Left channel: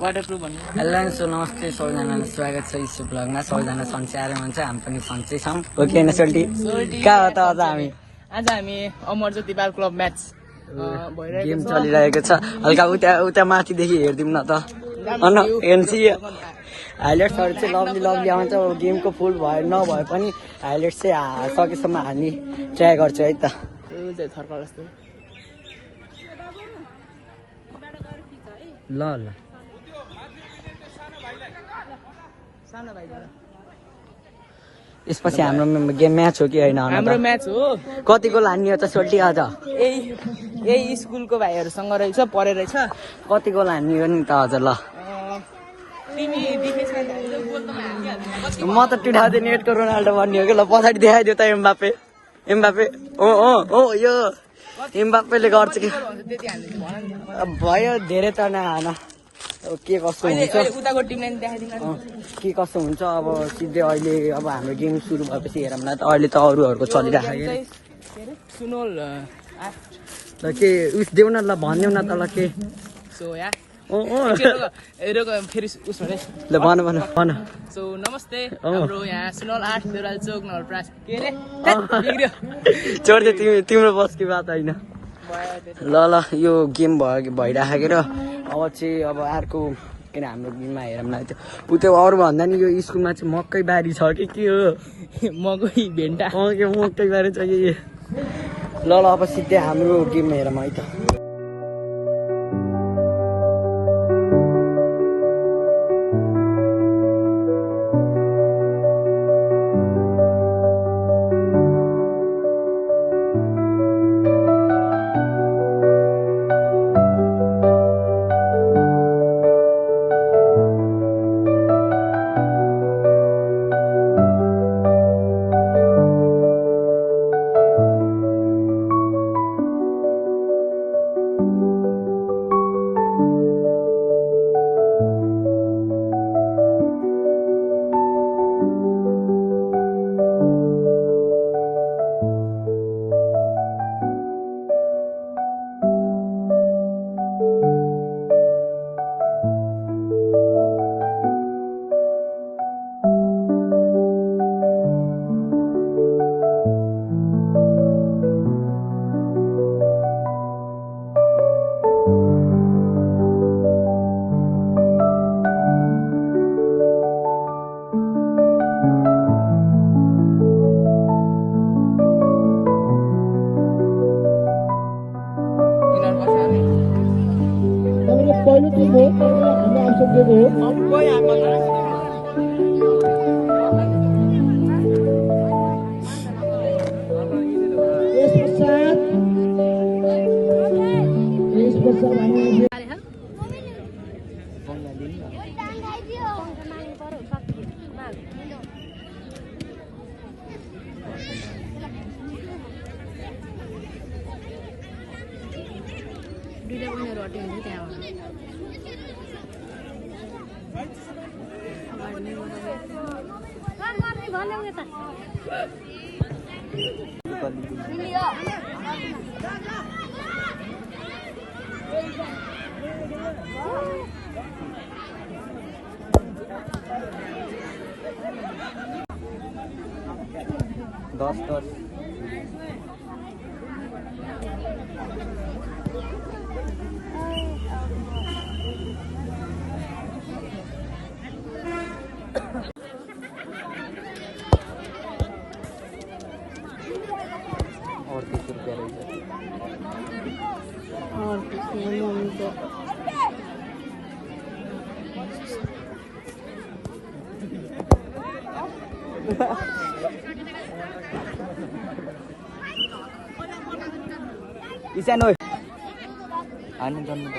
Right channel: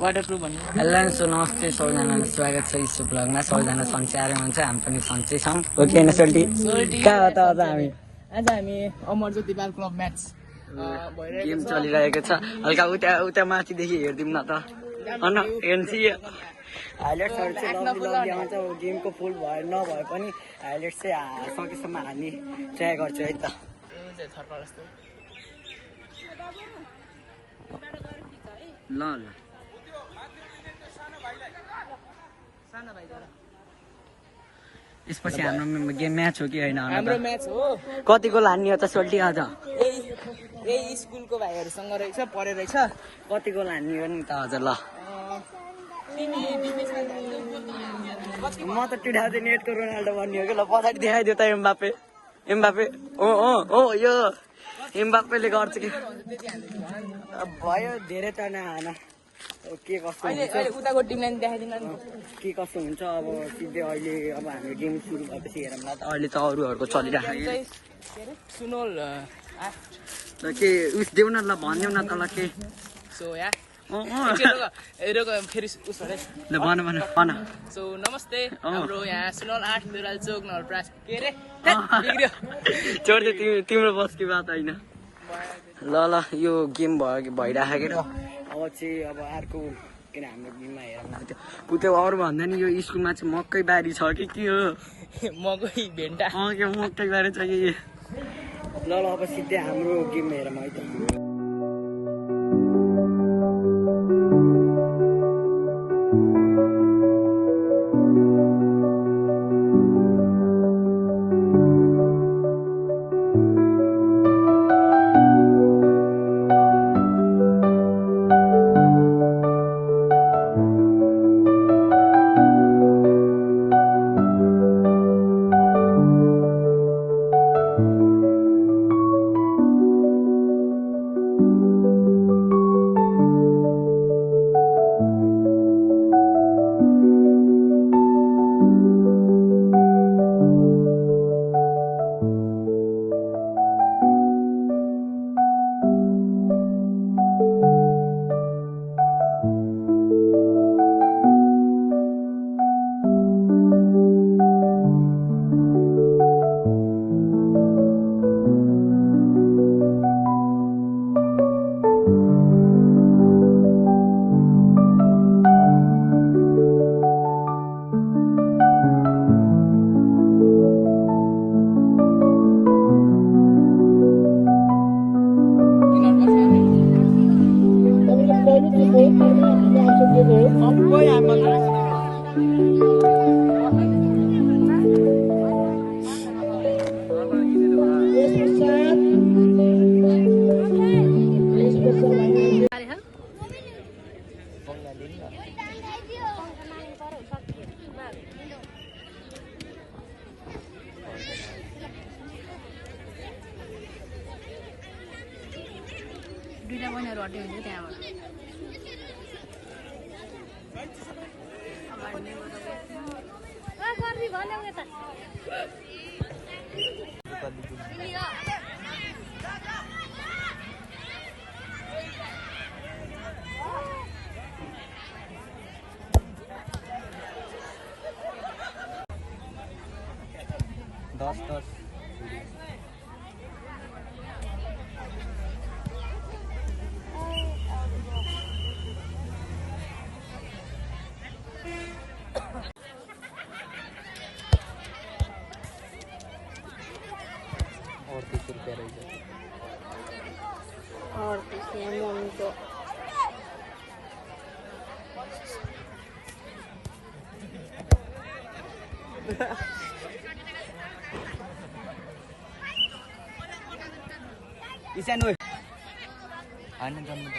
Hello so नमस्ते सबैजनालाई स्वागत छ यस ब्लगमा। सबैजना सन्चै आएर हुन्छ, हामी पनि सन्चै छौँ। हो कि होइन सोल्टी? कहाँ हो त आज हामी? आज हामी अमरज्योति बाल क्लब म्याच गेम चलिरहेको छ। हल्का उता माथिदेखि हेरिदिउँ न त। अन एमसी हाइलाइट्सहरू चाहिँ लभली लभली आउँछ। गेमको फुल भयो नभए पनि हाइलाइट्स चाहिँ सकेसम्म हामी ट्राई गर्छौँ है त। ल ल यसपछि हाम्रो गेम म्याच हो कि होइन? हाम्रो म्याच हो। कति गोल हान्ने हो त सोल्टी आज? यही स्कुलको भाइहरूसँग रहेछ, पढेर रहेछ। कति गोल हान्ने हो नि त आज? ल म त 2008 को रोनाल्डो भन्ने हो कि। ल पछाडि देखाइदियो त एम्बापे। यो एम्बापेले गर्छ कि भयो धेरै त नहान। के कस्तो हुन्छ उताको टिमलाई देखाइदिनु। के कस्तो हुन्छ अब सिधै अहिले अब हाम्रो गेम सुरु भएपछि हेरौँ न त। अहिले त अरूहरूको चलिरहेको सुनोल ल के उस देऊ न, ल भनिदेऊ न त। ल के सो या फेरि उसबाट ल भन। सो नमस्ते, हाम्रो यहाँ सुनोल 8 देउराल चोक नवलप्रास के रे बिग्रियो छोड्दै तिम्रो बस की बात होइन। ल यो गेम भइराखेको र अब चाहिँ अब अर्को किन हाम्रो गेममा हेरौँ न। त्यो अरू भन्दा नि यो स्कुलमा चाहिँ मकै बारी छ कि के हो? मकै भेन्टा के मकै बारी छ कि? ल अब सिधै हाम्रो गेम हेरौँ है त। इसान ओइ अनि गर्नु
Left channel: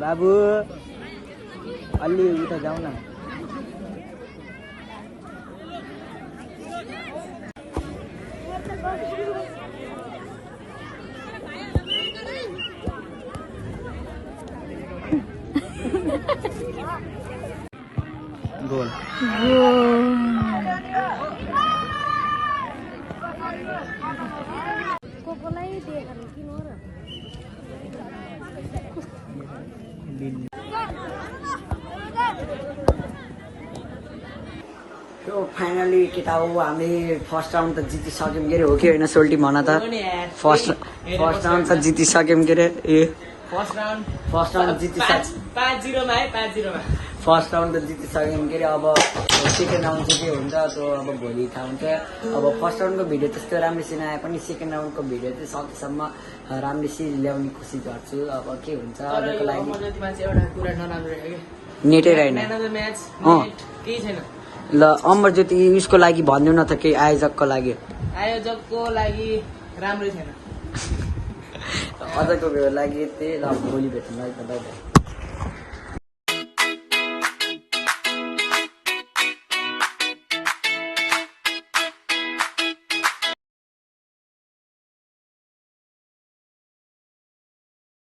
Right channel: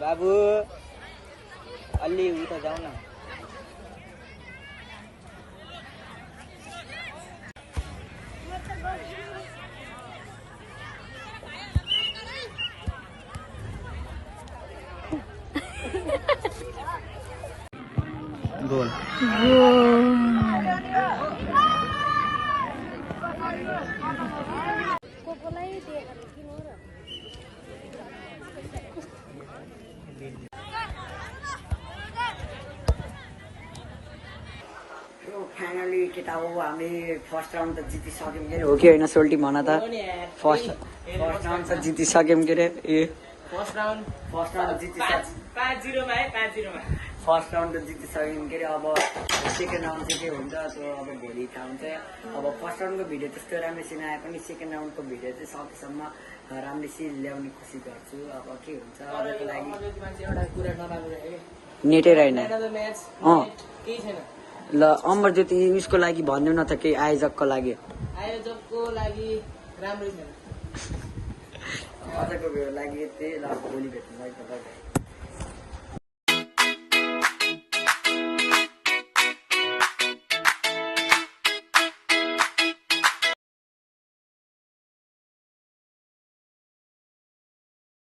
बाबु अलि उता जाऊ न गोल फाइनली केटा हो हामीले फर्स्ट राउन्ड त जितिसक्यौँ के अरे हो कि होइन सोल्टी भन त फर्स्ट राउन्ड त जितिसक्यौँ के अरे ए फर्स्ट राउन्ड जितिसक्यौँ 5-0 मा है 5-0 मा फर्स्ट राउन्ड त जितिसक्यौँ के अरे अब सेकेन्ड राउन्ड चाहिँ के हुन्छ त्यो अब भोलि थाहा हुन्छ अब फर्स्ट राउन्डको भिडियो त्यस्तो राम्रोसँग आए पनि सेकेन्ड राउन्डको भिडियो चाहिँ सकेसम्म राम्रोसँग ल्याउने कोसिस गर्छु अब के हुन्छ अझको लागि नेटै रहेन ल अमरज्योति उसको लागि भन्नु न त केही आयोजकको लागि राम्रै छैन अझको लागि त्यही ल भोलि भेट्नु है त